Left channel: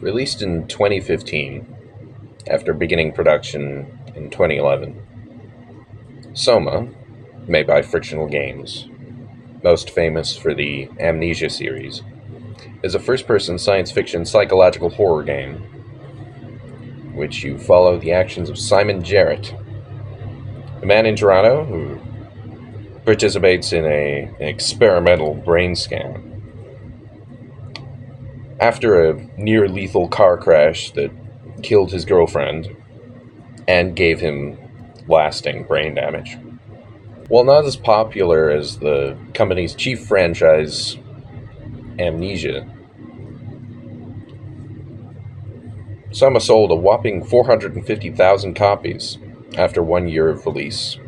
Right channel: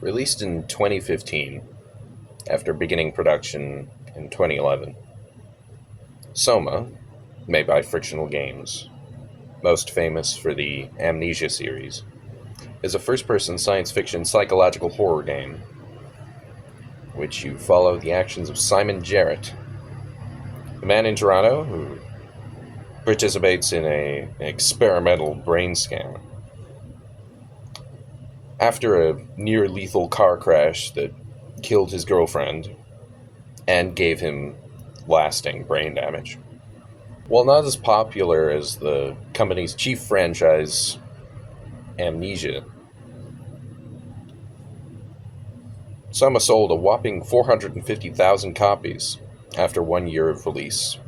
Released in 2015, after beginning production in 2011, SOMA, made by Frictional Games, most famous for the Amnesia series, is a first-person science fiction psychological horror game which you follow the actions of Simon Jarrett, a man in Toronto who participates in an experimental brain scan. After a near-lethal car crash that killed his girlfriend and gave him lasting brain damage. While not as popular as the company's chief franchise, Amnesia, SOMA sold a whopping 450,000 copies after 1 year of release,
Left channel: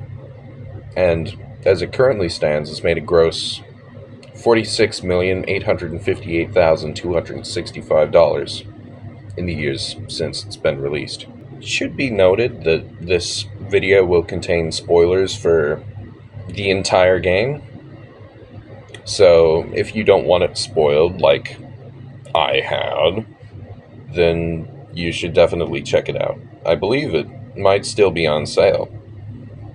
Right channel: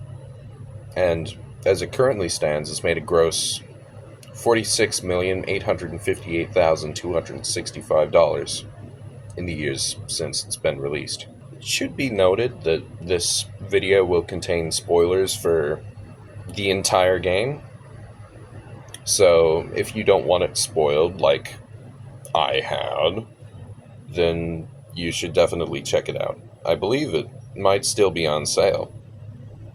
and as it currently stands, has made a gross $46,858,265 in the years since it's been released. It should be noted that this video will contain spoilers for the entire game, so if you don't want it spoiled like I had, then you should definitely check it out. I believe it might still be on sale,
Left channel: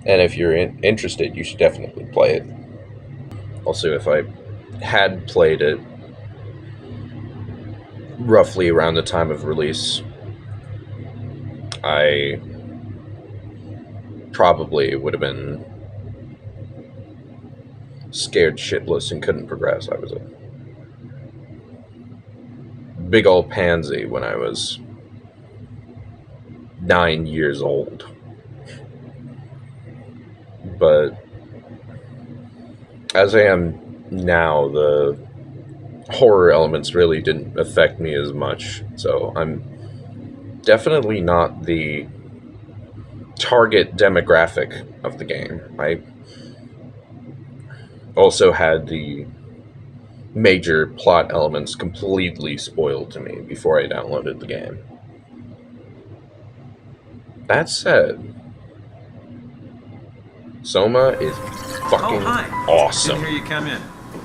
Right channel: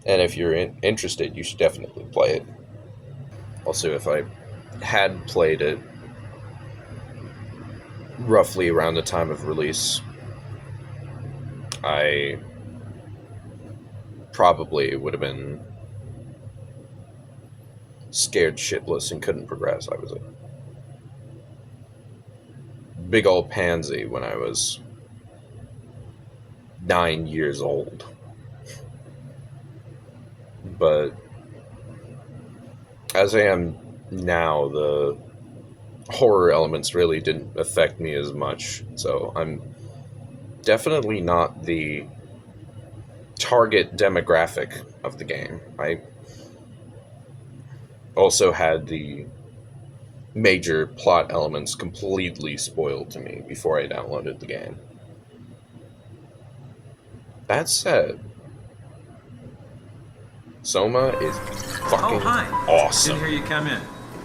and if you're interested, you should definitely play it. Also, if I had played it roughly around the time of release, I probably would have been scared shitless and couldn't progress. I was a big old pansy when I was 9 years old. But as I am now, the horror elements really didn't affect me as much, so I'm definitely not the target demographic of the game. I also had the major plot elements completely spoiled to me before I downloaded the game. That said, SOMA is fucking awesome. Didn't hear you come in.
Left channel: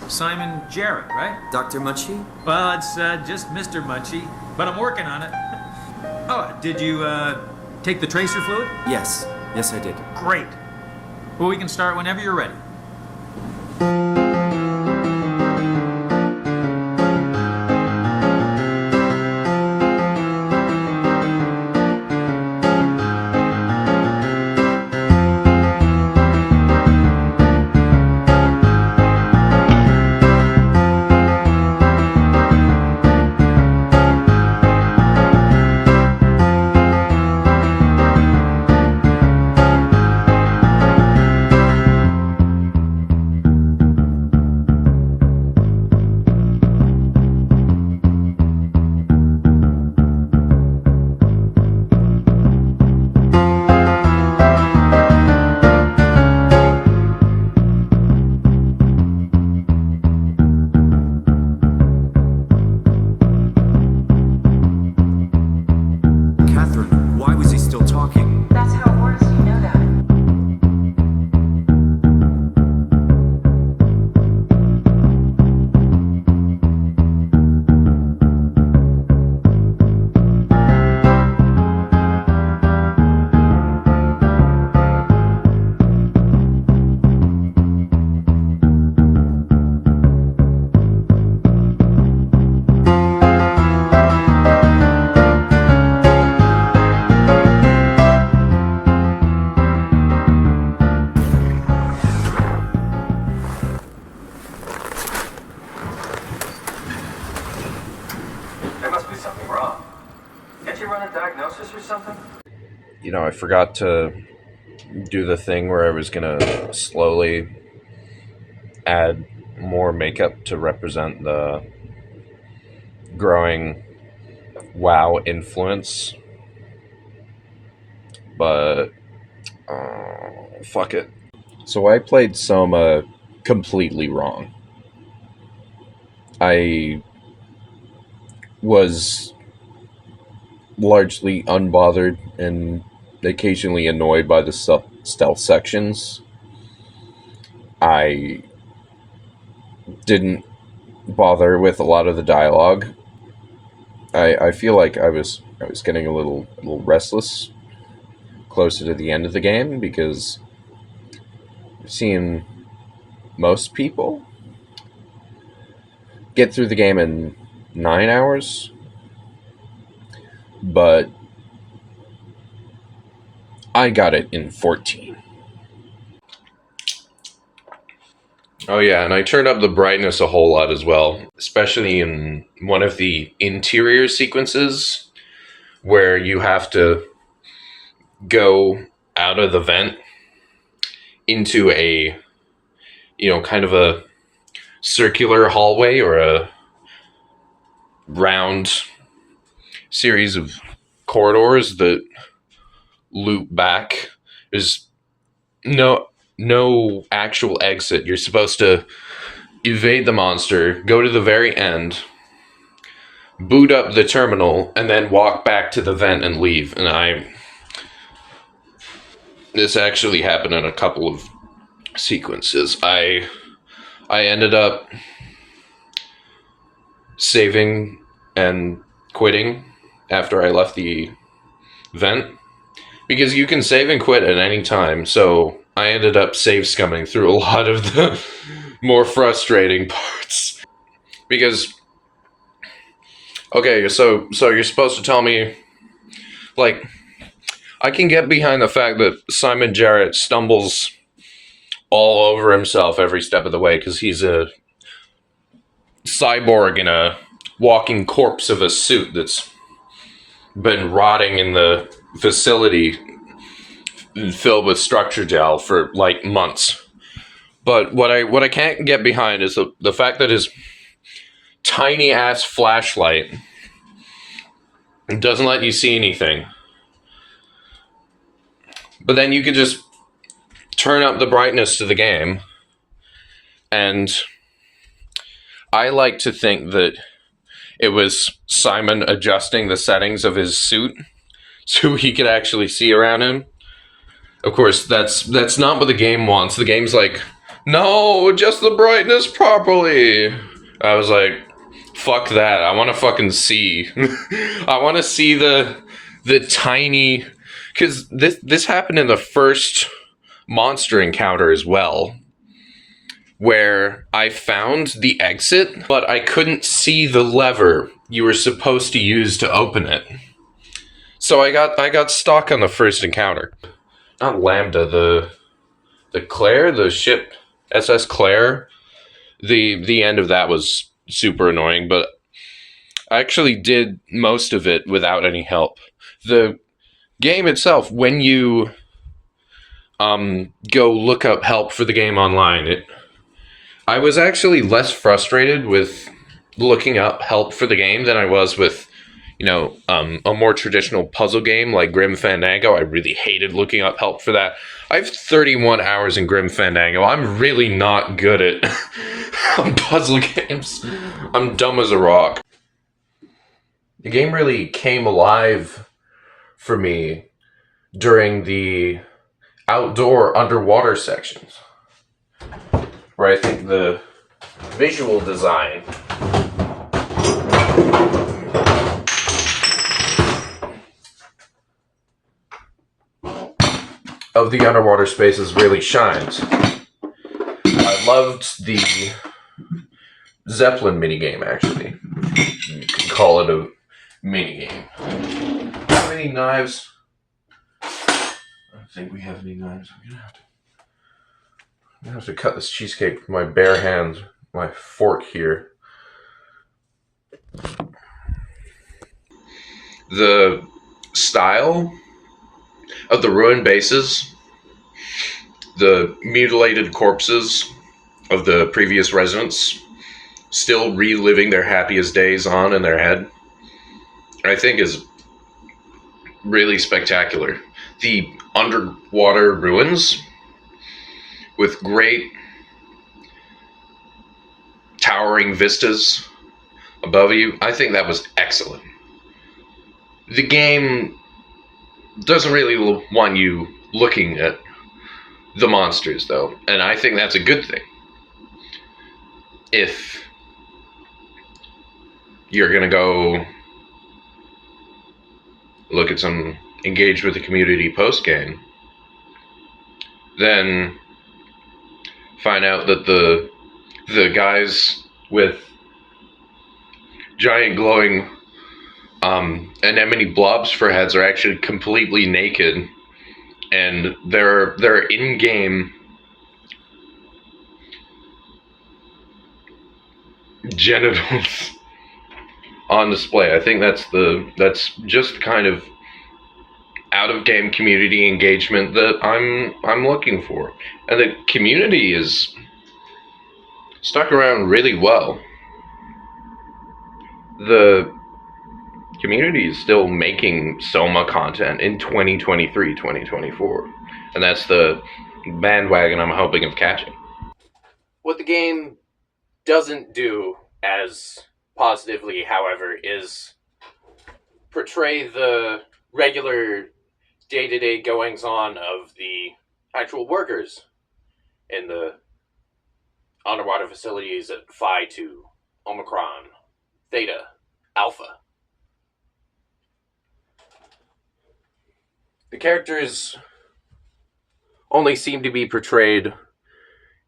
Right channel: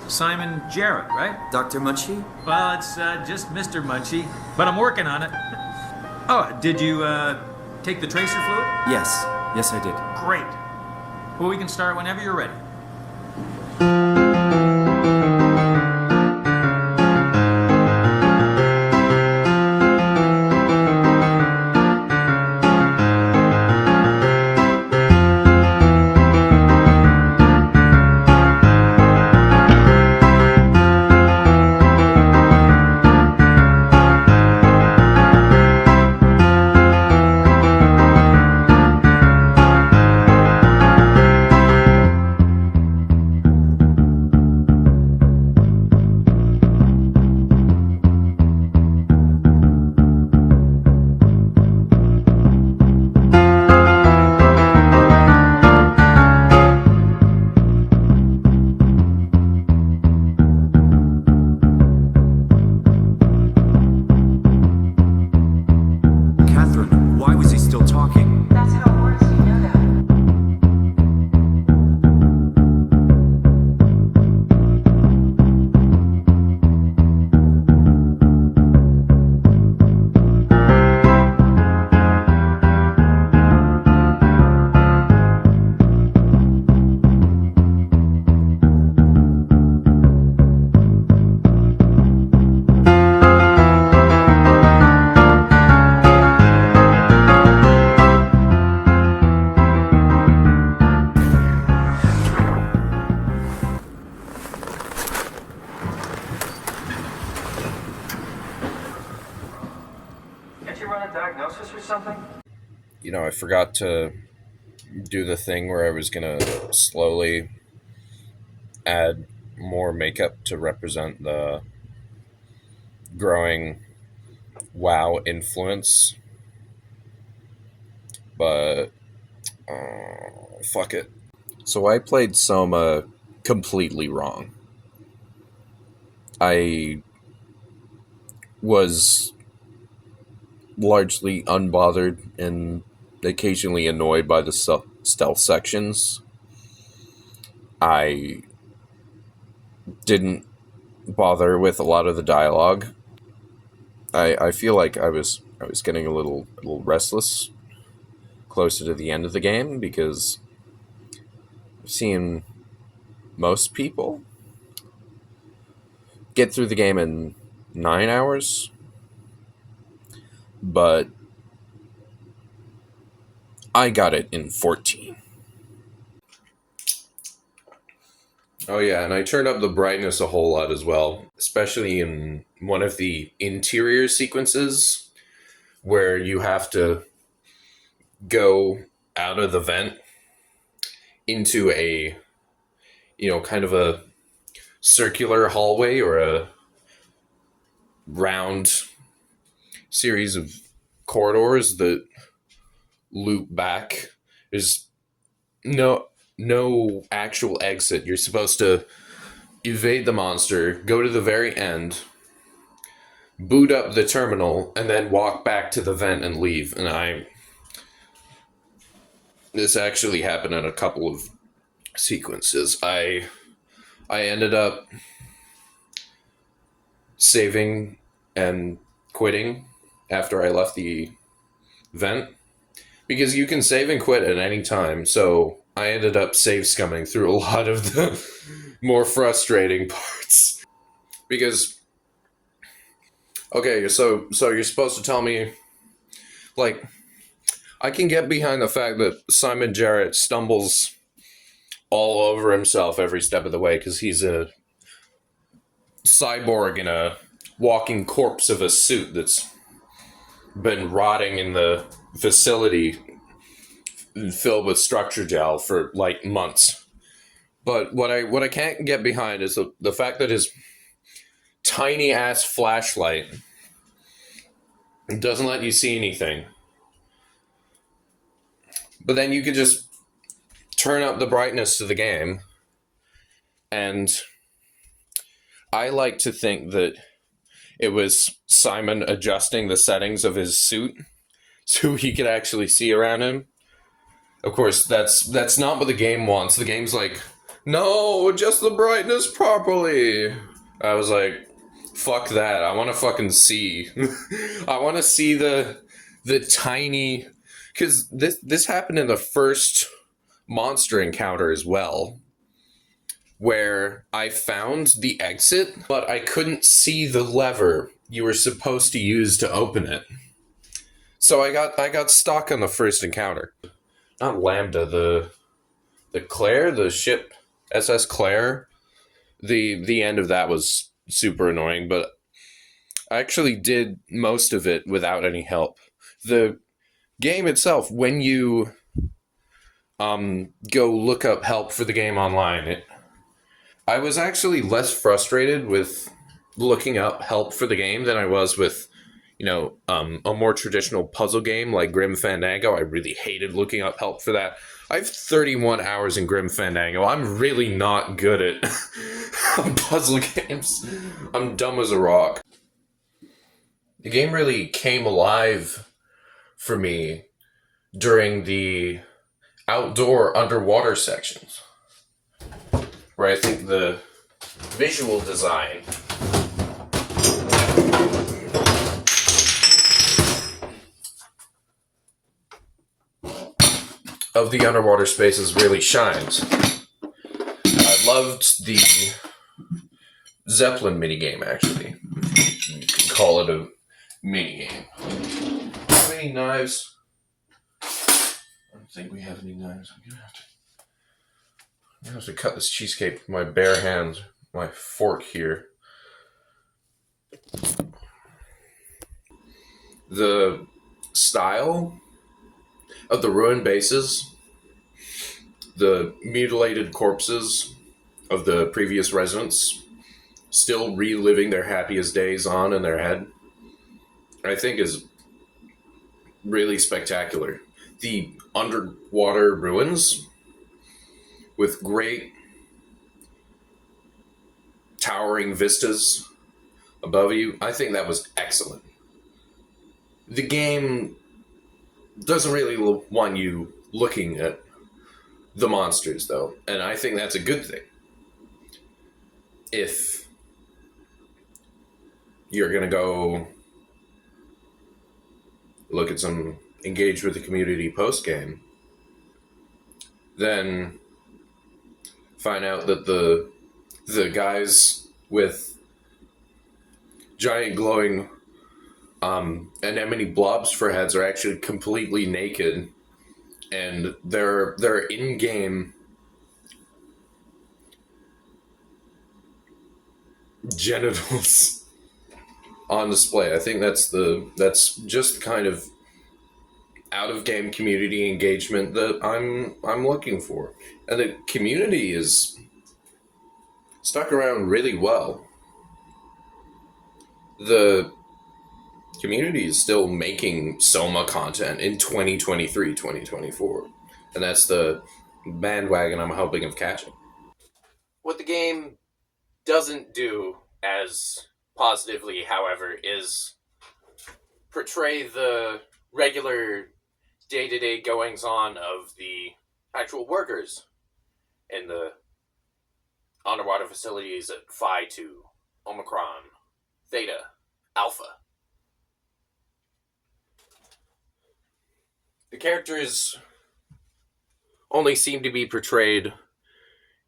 Simon Jarrett, right? Dr. Munchie? Well, it's just Mr. Munchie, but I'm working on it. Oh, did you take the tracer fluid? Yes. Yes, I did. Great. Well, we can start whenever you're ready. You know, I forgot to do the thing where I was gonna slowly add more makeup to represent the growing WoW influence, but fuck it. So I played SOMA completely wrong. I was largely unbothered and occasionally annoyed by the stealth sections. I didn't bother with a lot of the dialogue. I feel like I was getting a little restless closer to the end of the game, because I've seen most people get through the game in 9 hours, but I got it in 14. Oh yeah, and I turned up the brightness a whole lot as well, especially in one of the interior sequences where you have to go out of the vent into a, kind of a circular hallway or a round series of corridors that loop back. There's no actual exit. You're supposed to evade the monster, go to the very end, boot up the terminal, and then walk back to the vent and leave. And this actually happened in a couple of sequences. I ended up saving and quitting after I left the vent, because you can save and quit at any time. So I ended up save scumming through a lot of the more frustrating parts. Because, okay, so you're supposed to tell me, like, I can get behind the fact that Simon Jarrett stumbles all over himself every step of the way because he's a cyborg in a walking corpse of a suit that's been rotting in the facility filled with structure gel for like months. But what I can't get behind is the fact that his tiny ass flashlight doesn't let you see anything. But then you could just turn up the brightness to the game, and I like to think that it was Simon adjusting the settings of his suit so he could actually see around him. Of course, that's not what the game wants. The game's like, no, adjust the brightness properly. I was like, fuck that. I want to fucking see. I want to see the tiny... Because this happened in the first monster encounter as well, where I found the exit, but I couldn't see the lever you were supposed to use to open it. So I got stuck on the first encounter. Not Lambda, the Claire, the ship SS Claire. The end of that was super annoying, but I actually did most of it without any help. The game itself, when you go look up help for the game online, I was actually less frustrated with looking up help for the game than I was with, a more traditional puzzle game like Grim Fandango. I really hated looking up help for that. I have 31 hours in Grim Fandango. I'm really not good at puzzle games. I'm dumb as a rock. The game really came alive for me during the outdoor underwater sections, where I think the visual design of the underwater spaces really shines. I loved the Zeppelin minigame, actually. You can call it a minigame. How many knives? I don't think we have any knives. I'm gonna have to cut this cheesecake with my bare hands. My fork here. The style of the ruined bases, the mutilated corpses of the previous residents, still reliving their happiest days on in their head, I think is really spectacular. The underwater ruins with great towering vistas above you, I think that was excellent. The game doesn't really want you looking at the monsters, though, and I think that's a good thing. If you're gonna go look at some engage with the community post-game, then find out that the guys with giant glowing anemone blobs for heads are actually completely naked, and their in-game genitals on display. I think that's just the kind of out-of-game community engagement that I'm looking for, and the community is stuck around really well. The community is still making SOMA content in 2023, 2024, and that's the bandwagon I'm hoping of catching. What the game doesn't do as positively, however, is portray the regular day-to-day goings-on of the actual workers in the underwater facilities at Phi 2, Omicron, Theta, Alpha. The characters only seem to be portrayed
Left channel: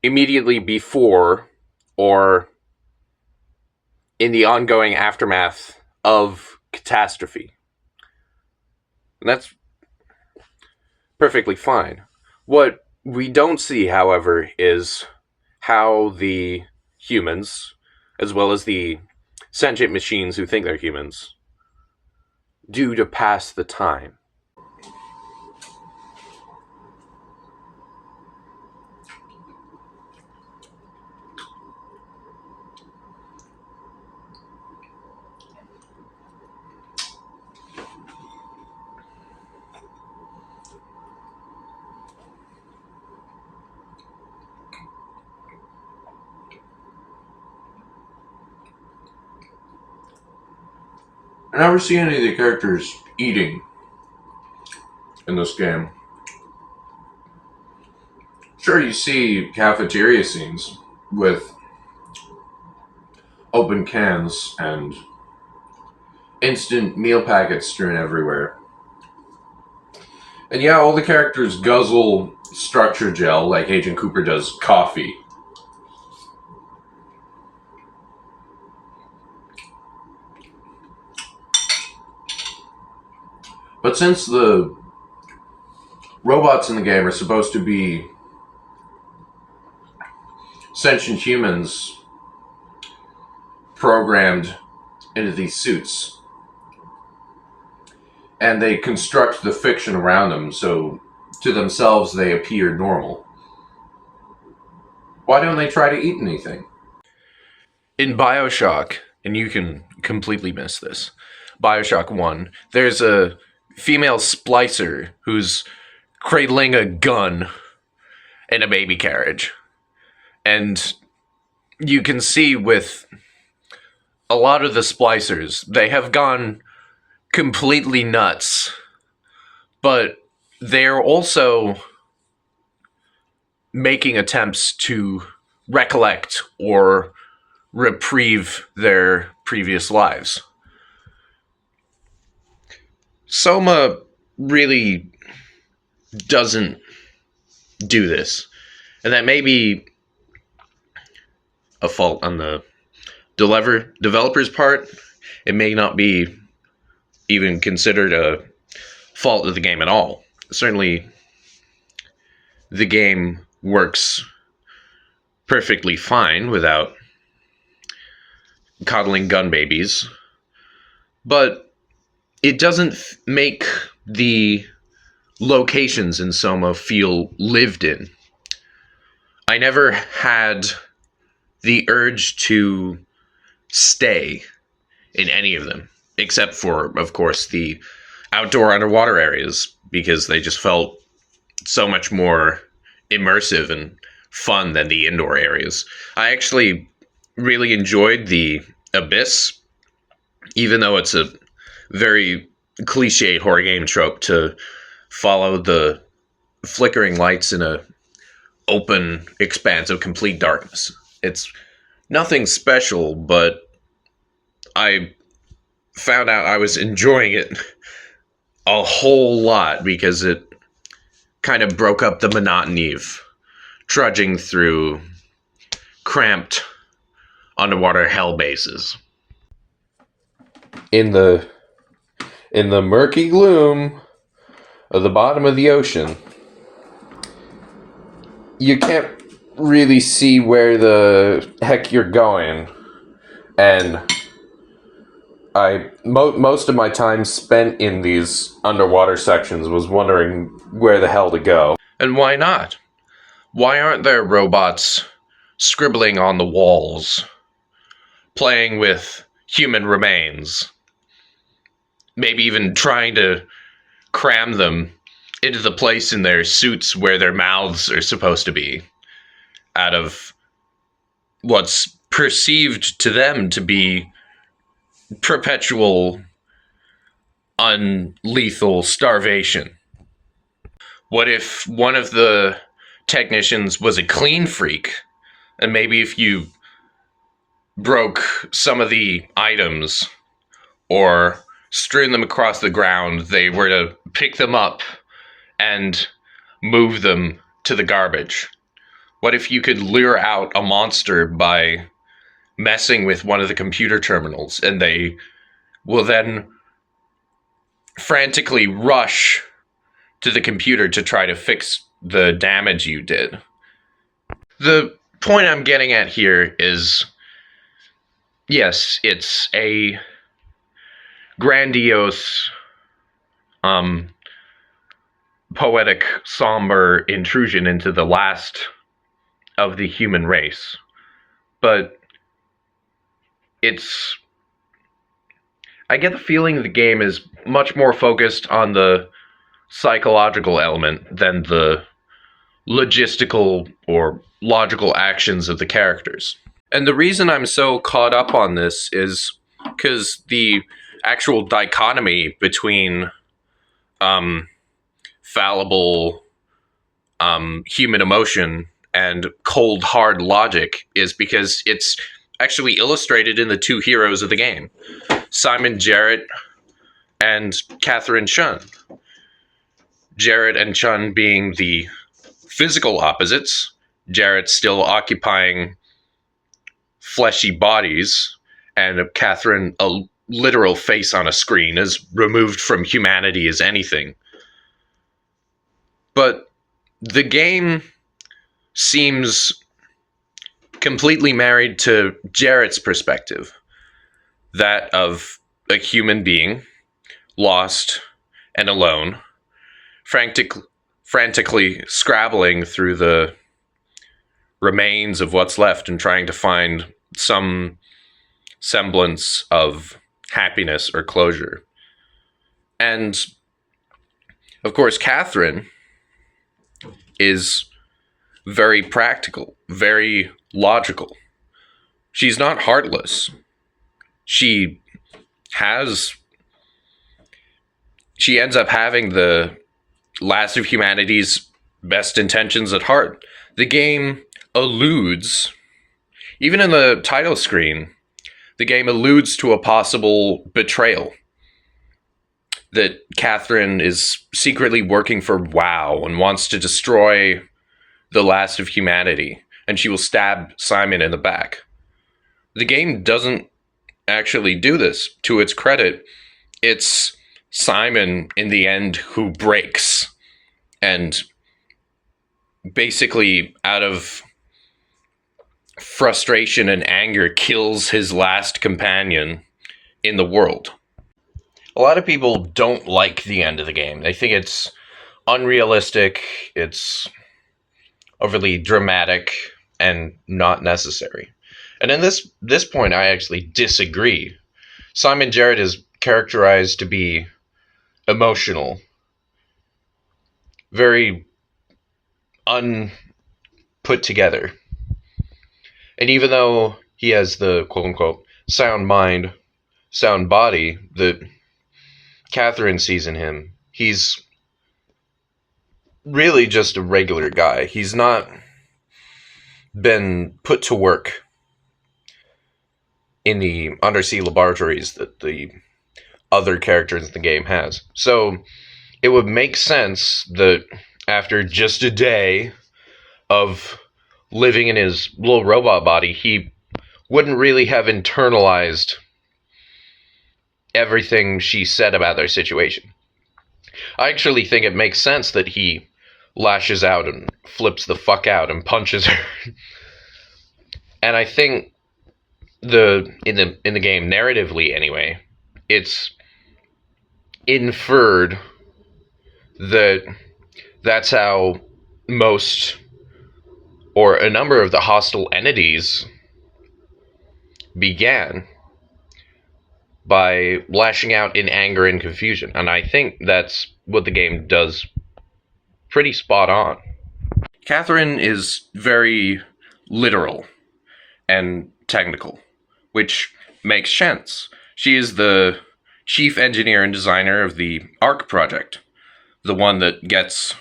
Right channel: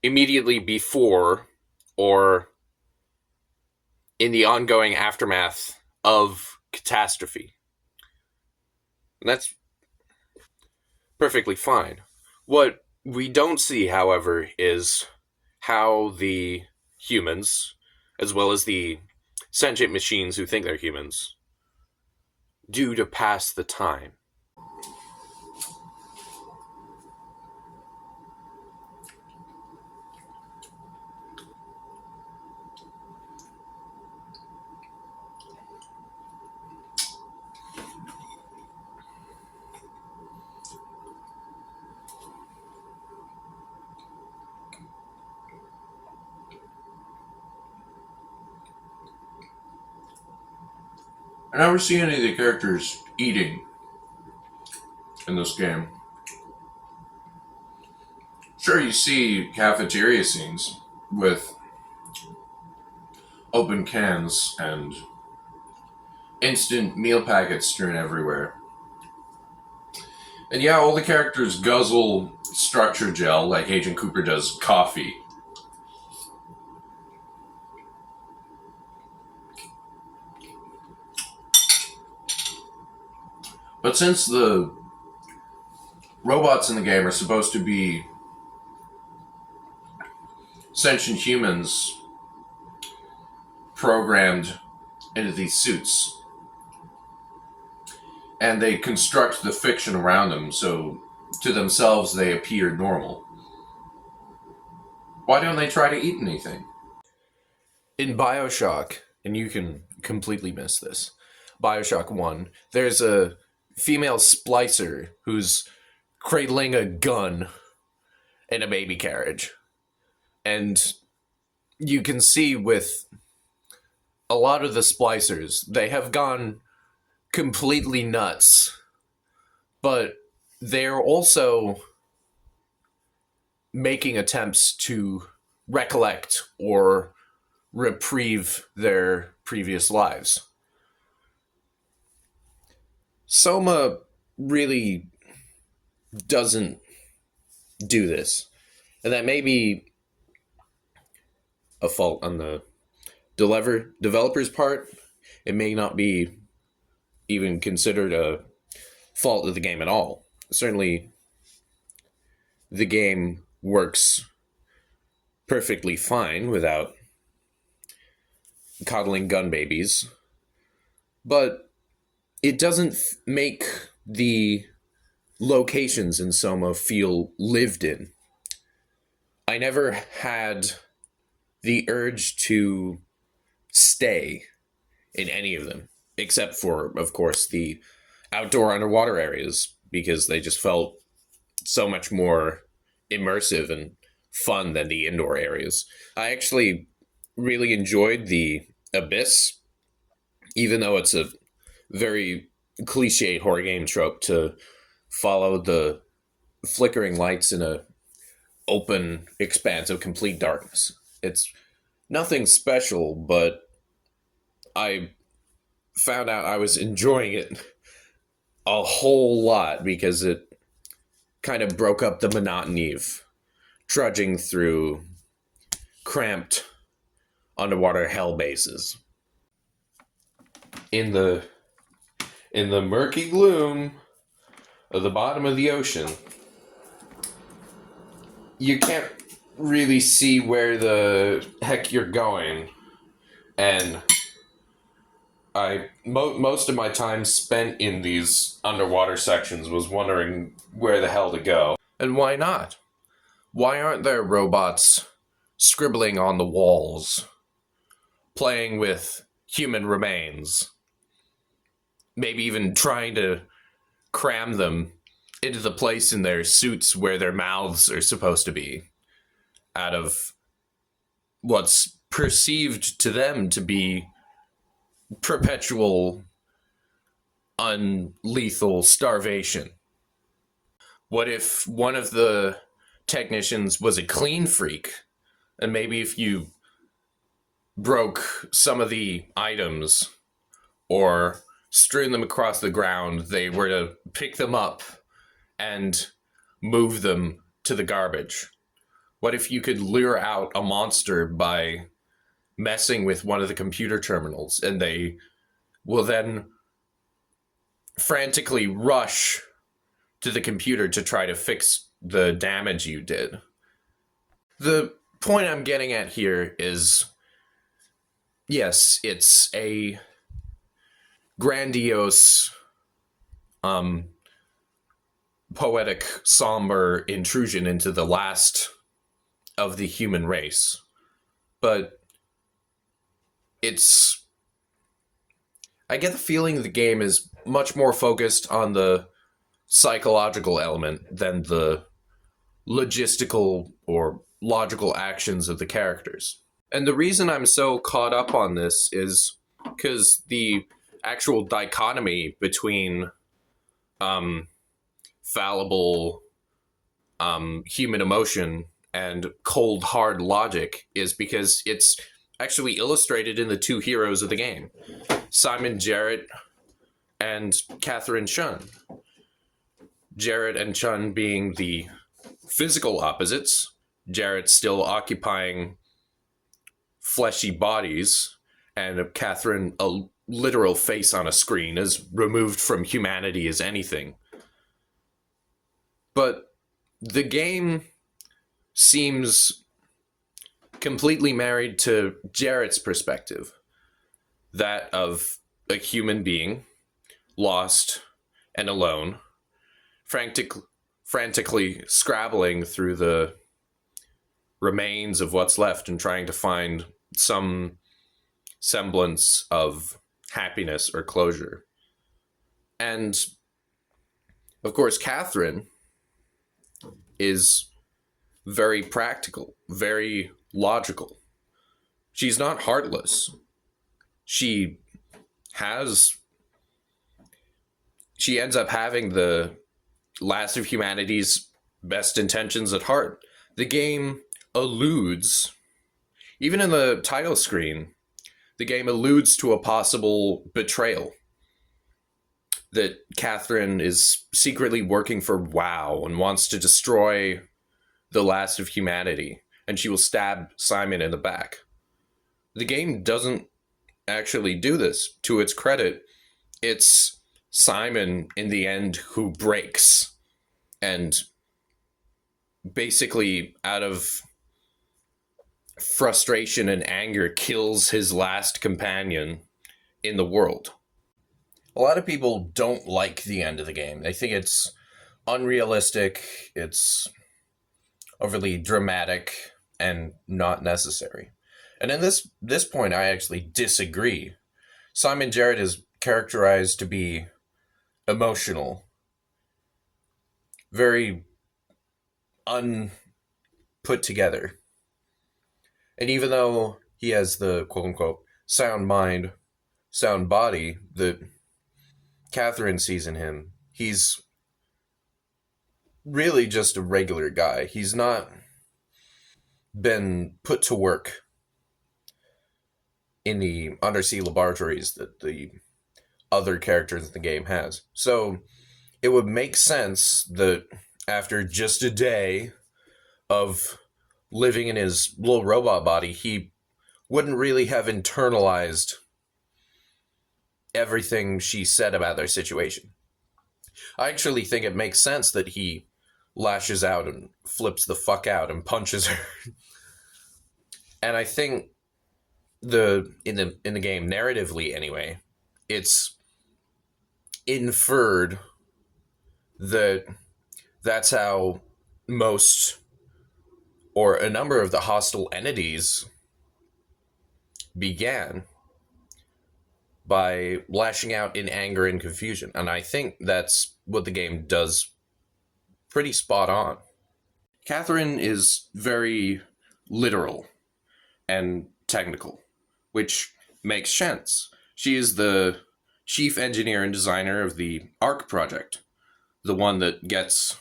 immediately before or in the ongoing aftermath of catastrophe. And that's perfectly fine. What we don't see, however, is how the humans, as well as the sentient machines who think they're humans, do to pass the time. I never see any of the characters eating in this game. Sure, you see cafeteria scenes with open cans and instant meal packets strewn everywhere. And yeah, all the characters guzzle structure gel like Agent Cooper does coffee. But since the robots in the game are supposed to be sentient humans programmed into these suits, and they construct the fiction around them so to themselves they appear normal, why don't they try to eat anything? In BioShock, and you can completely miss this, BioShock 1, there's a female splicer who's cradling a gun in a baby carriage. And you can see with a lot of the splicers, they have gone completely nuts. But they're also making attempts to recollect or reprieve their previous lives. SOMA really doesn't do this. And that may be a fault on the developer's part. It may not be even considered a fault of the game at all. Certainly, the game works perfectly fine without coddling gun babies. But it doesn't make the locations in SOMA feel lived in. I never had the urge to stay in any of them, except for, of course, the outdoor underwater areas, because they just felt so much more immersive and fun than the indoor areas. I actually really enjoyed the Abyss, even though it's a very cliched horror game trope to follow the flickering lights in a open expanse of complete darkness. It's nothing special, but I found out I was enjoying it a whole lot because it kind of broke up the monotony of trudging through cramped underwater hell bases. In the murky gloom of the bottom of the ocean, you can't really see where the heck you're going, and most of my time spent in these underwater sections was wondering where the hell to go. And why not? Why aren't there robots scribbling on the walls, playing with human remains, maybe even trying to cram them into the place in their suits where their mouths are supposed to be, out of what's perceived to them to be perpetual, unlethal starvation? What if one of the technicians was a clean freak, and maybe if you broke some of the items or strewn them across the ground, they were to pick them up and move them to the garbage? What if you could lure out a monster by messing with one of the computer terminals, and they will then frantically rush to the computer to try to fix the damage you did? The point I'm getting at here is, yes, it's a grandiose, poetic, somber intrusion into the last of the human race. But I get the feeling the game is much more focused on the psychological element than the logistical or logical actions of the characters. And the reason I'm so caught up on this is because the actual dichotomy between fallible human emotion and cold, hard logic is because it's actually illustrated in the two heroes of the game, Simon Jarrett and Catherine Chun. Jarrett and Chun being the physical opposites, Jarrett still occupying fleshy bodies, and Catherine a literal face on a screen, as removed from humanity as anything. But the game seems completely married to Jarrett's perspective, that of a human being, lost and alone, frantically scrabbling through the remains of what's left and trying to find some semblance of happiness or closure. And, of course, Catherine is very practical, very logical. She's not heartless. She ends up having the last of humanity's best intentions at heart. The game alludes, even in the title screen, the game alludes to a possible betrayal. That Catherine is secretly working for WoW and wants to destroy the last of humanity, and she will stab Simon in the back. The game doesn't actually do this. To its credit, it's Simon in the end who breaks and basically out of frustration and anger kills his last companion in the world. A lot of people don't like the end of the game. They think it's unrealistic, it's overly dramatic, and not necessary. And in this point, I actually disagree. Simon Jarrett is characterized to be emotional, very unput together. And even though he has the quote-unquote sound mind, sound body that Catherine sees in him, he's really just a regular guy. He's not been put to work in the undersea laboratories that the other characters in the game has. So it would make sense that after just a day of living in his little robot body, he wouldn't really have internalized everything she said about their situation. I actually think it makes sense that he lashes out and flips the fuck out and punches her. And I think in the game, narratively anyway, it's inferred that that's how most or a number of the hostile entities began, by lashing out in anger and confusion. And I think that's what the game does pretty spot on. Catherine is very literal and technical, which makes sense. She is the chief engineer and designer of the ARC project, the one that gets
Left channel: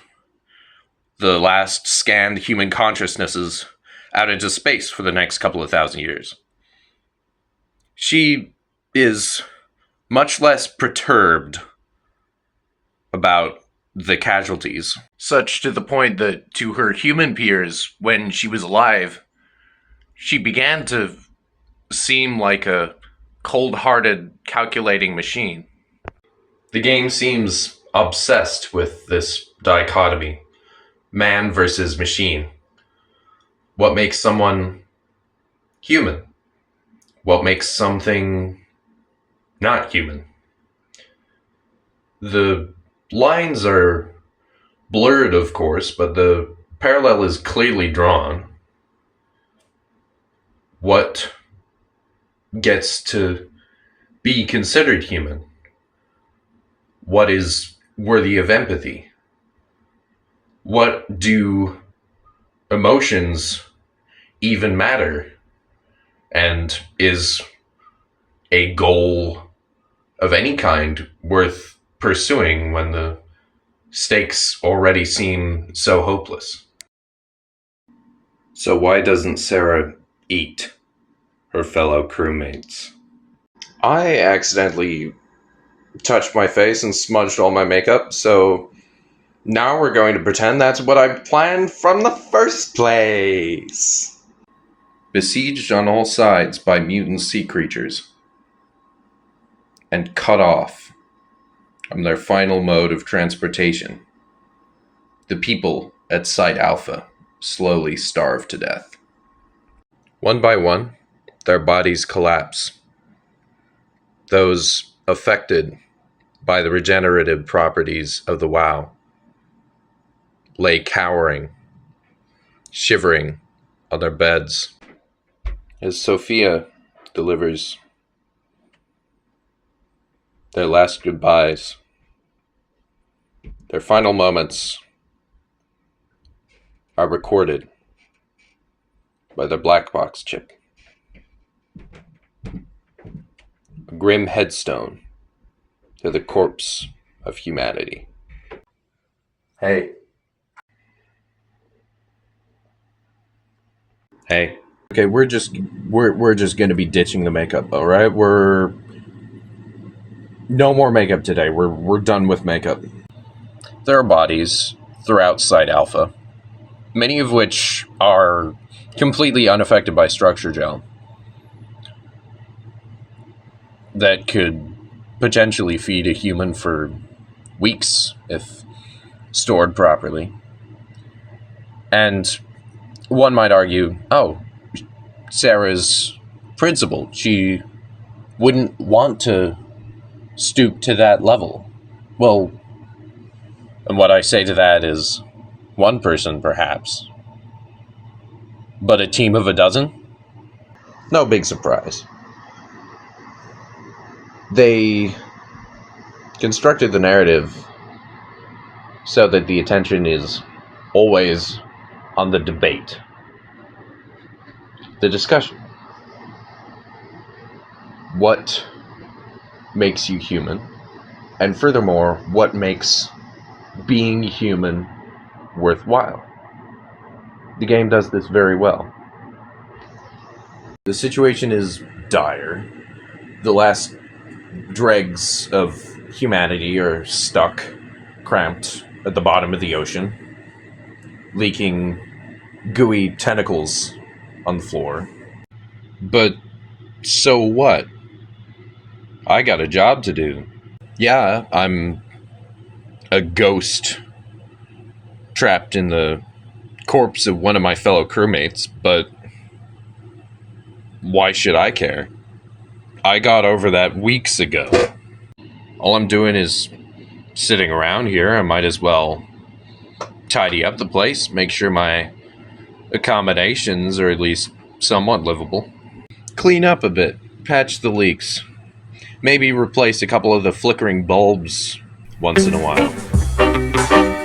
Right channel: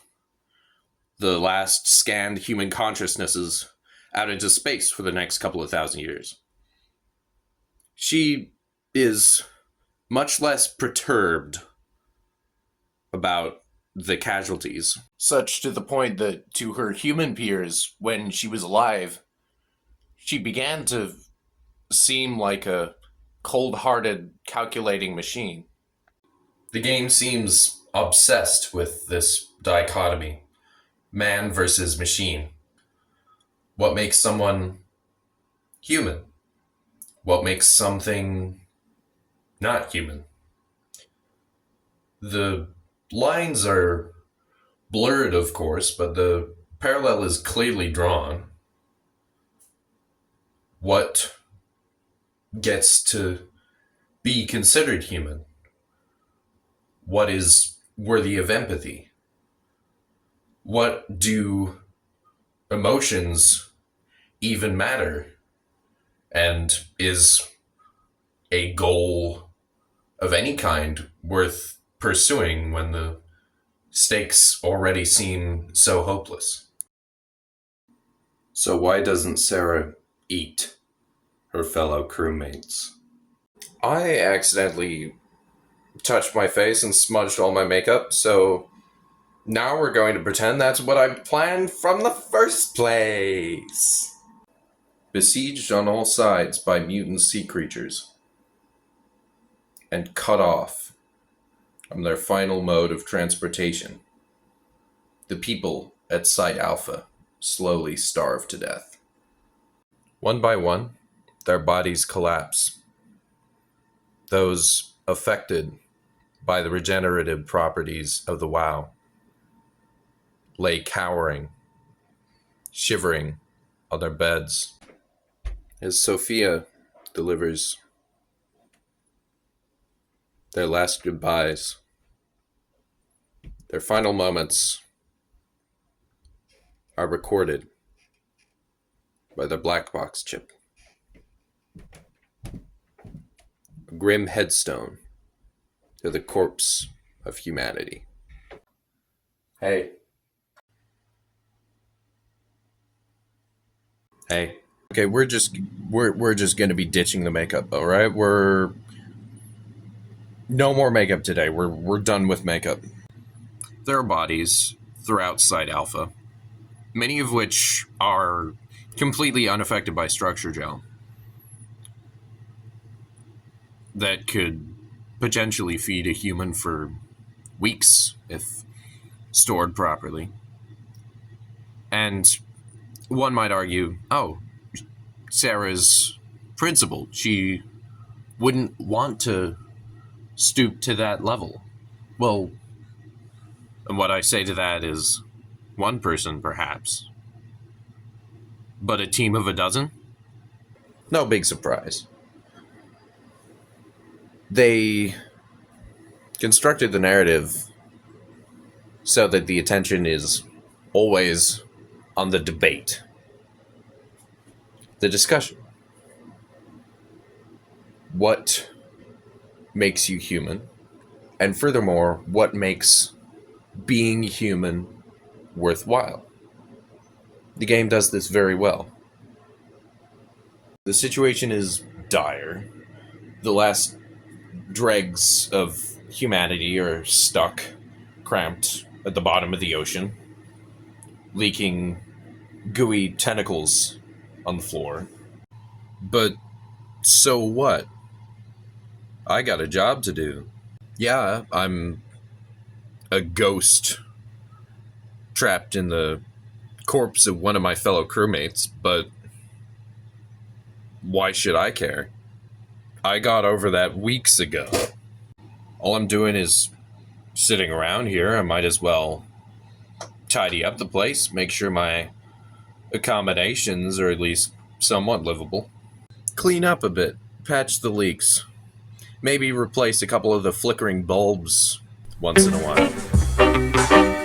the last scanned human consciousnesses out into space for the next couple of thousand years. She is much less perturbed about the casualties, such to the point that to her human peers, when she was alive, she began to seem like a cold-hearted, calculating machine. The game seems obsessed with this dichotomy, man versus machine. What makes someone human? What makes something not human? The lines are blurred, of course, but the parallel is clearly drawn. What gets to be considered human? What is worthy of empathy? What do emotions even matter? And is a goal of any kind worth pursuing when the stakes already seem so hopeless? So why doesn't Sarah eat her fellow crewmates? I accidentally touched my face and smudged all my makeup, so now we're going to pretend that's what I planned from the first place. Besieged on all sides by mutant sea creatures, and cut off from their final mode of transportation, the people at Site Alpha slowly starve to death. One by one, their bodies collapse. Those affected by the regenerative properties of the WoW lay cowering, shivering on their beds, as Sophia delivers their last goodbyes. Their final moments are recorded by the black box chip. A grim headstone to the corpse of humanity. Hey. Hey. Okay, we're just going to be ditching the makeup, all right? We're no more makeup today. We're done with makeup. There are bodies throughout Site Alpha, many of which are completely unaffected by structure gel, that could potentially feed a human for weeks if stored properly. And one might argue, oh, Sarah's principled. She wouldn't want to stoop to that level. Well, and what I say to that is, one person perhaps, but a team of a dozen? No big surprise. They constructed the narrative so that the attention is always on the debate, the discussion. What makes you human? And furthermore, what makes being human worthwhile? The game does this very well. The situation is dire. The last dregs of humanity are stuck, cramped at the bottom of the ocean, leaking gooey tentacles on the floor. But so what? I got a job to do. Yeah, I'm a ghost trapped in the corpse of one of my fellow crewmates, but why should I care? I got over that weeks ago. All I'm doing is sitting around here. I might as well tidy up the place, make sure my accommodations are at least somewhat livable. Clean up a bit, patch the leaks. Maybe replace a couple of the flickering bulbs once in a while.